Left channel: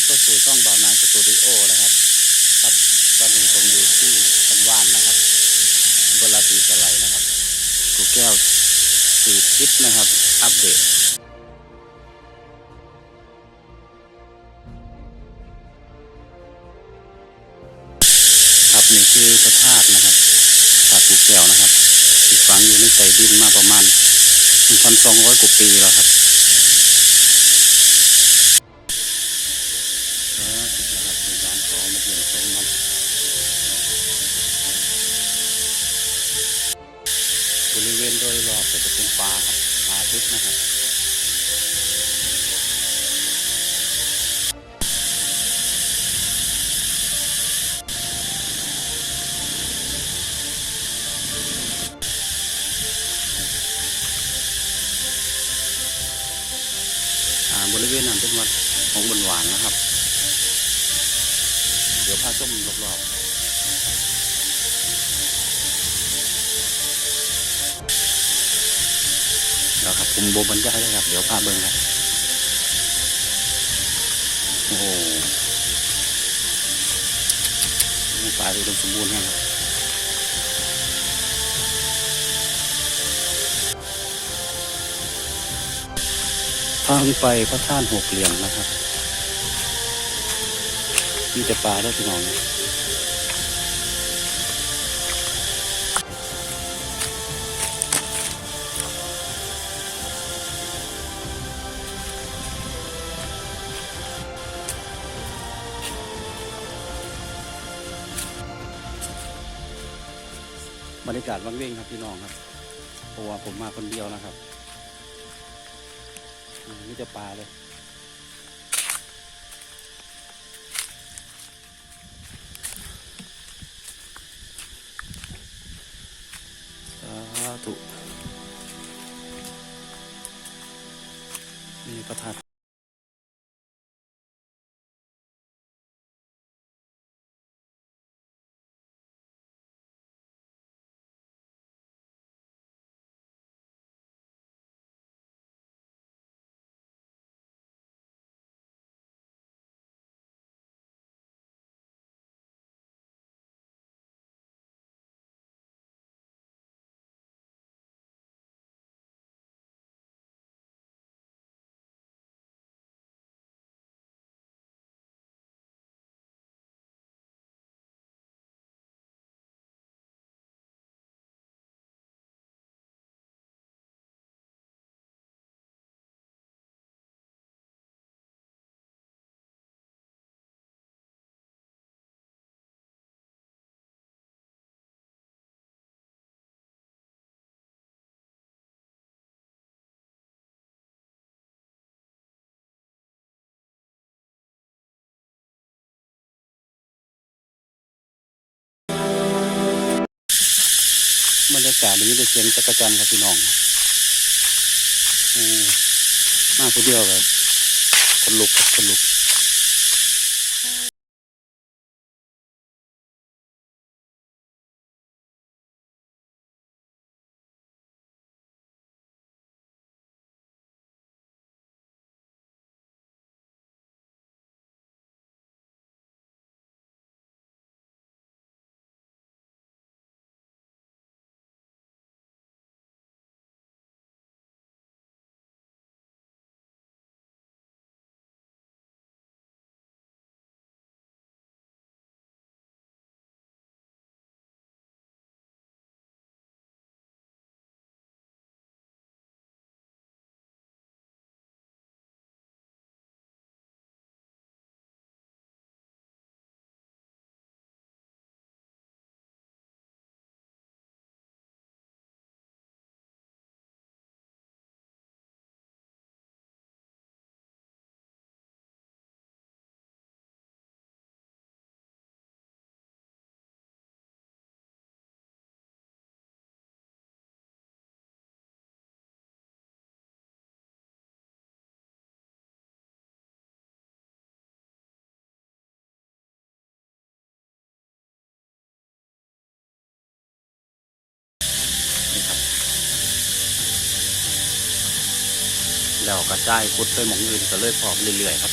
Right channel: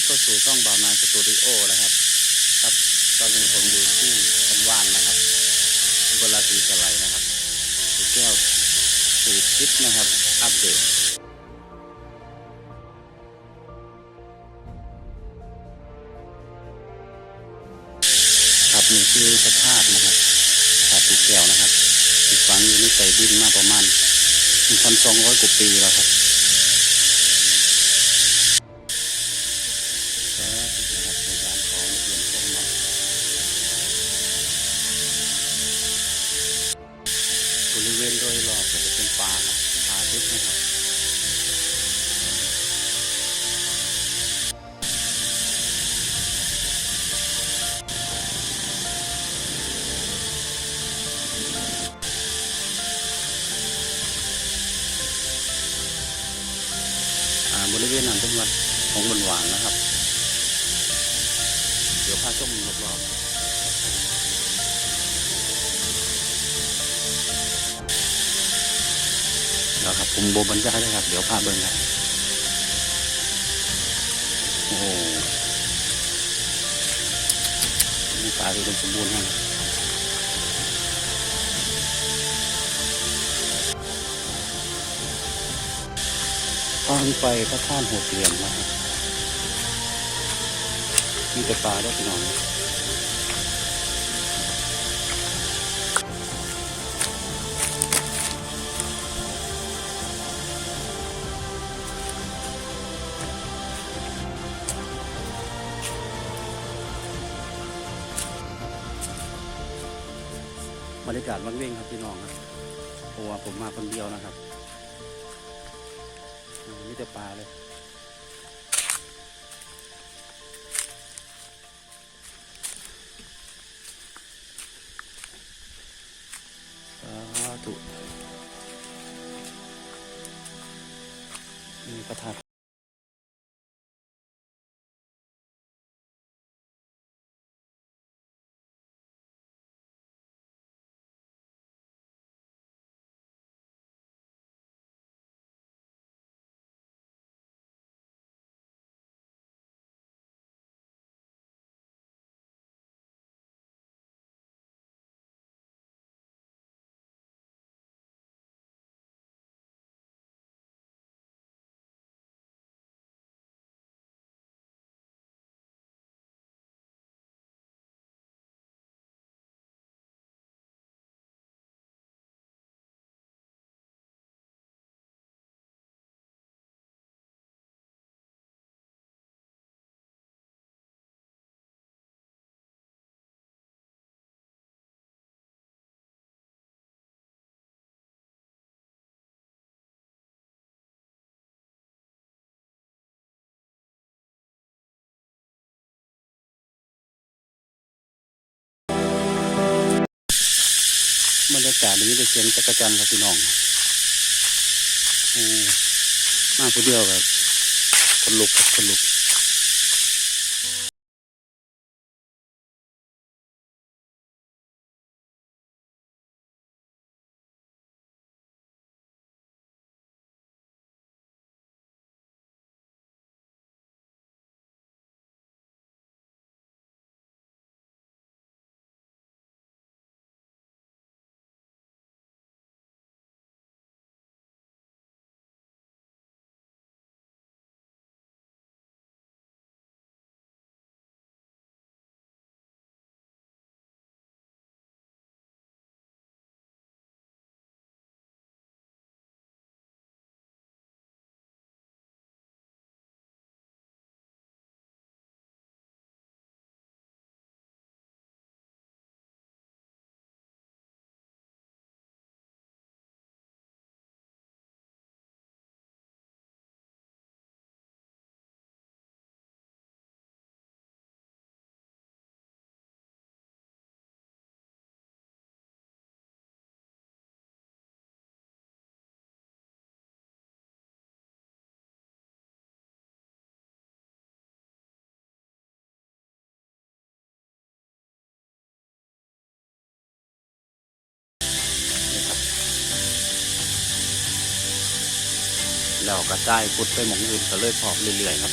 รับเข้าสู่ช่องบ่าวนายสตูดิโอนะครับ ครับ ตอนนี้ผมอยู่ที่พันว่านนะครับอำเภอราศีสไลนะครับถูแก้วสีทิศนะครับ อัปเดตครับนี่คือพระธาตุนะครับธาตุสีแก้วนะครับฝังอยู่ในใจดินมาประมาณ1,200กว่าปีแล้วครับ ของมาเยี่ยมชมเนบริเวณโดยรอบก็จะเป็นป่าครับป่าทึบนะครับอ่าบริเวณนั้นเป็นวัดของบนหวานนะครับ ดี๋ยวพาชมรอบๆแล้วครับผมโบบรรยายเลยครับ เดี๋ยวพาเบิ่งครับโอ้โหป่าที่อุดมสมบูรณ์แห้งครับทางไปพระท่านหกเหลี่ยมนะครับ มีแต่ปลาด้วยพี่น้องบรรยากาศวังเว้งครับพี่น้องครับเพราะว่าผมมาคนเดียวนะครับมีแต่ปลาเลย บรรยากาศนี้ได้เสียงจักรจันทร์ครับพี่น้องโอ้มาผู้เดียวแบบคนลุกคนลุก นี่ครับแล้วกระจายพุดไปหมองอื่นก็เลยพอบเรื่อยๆครับ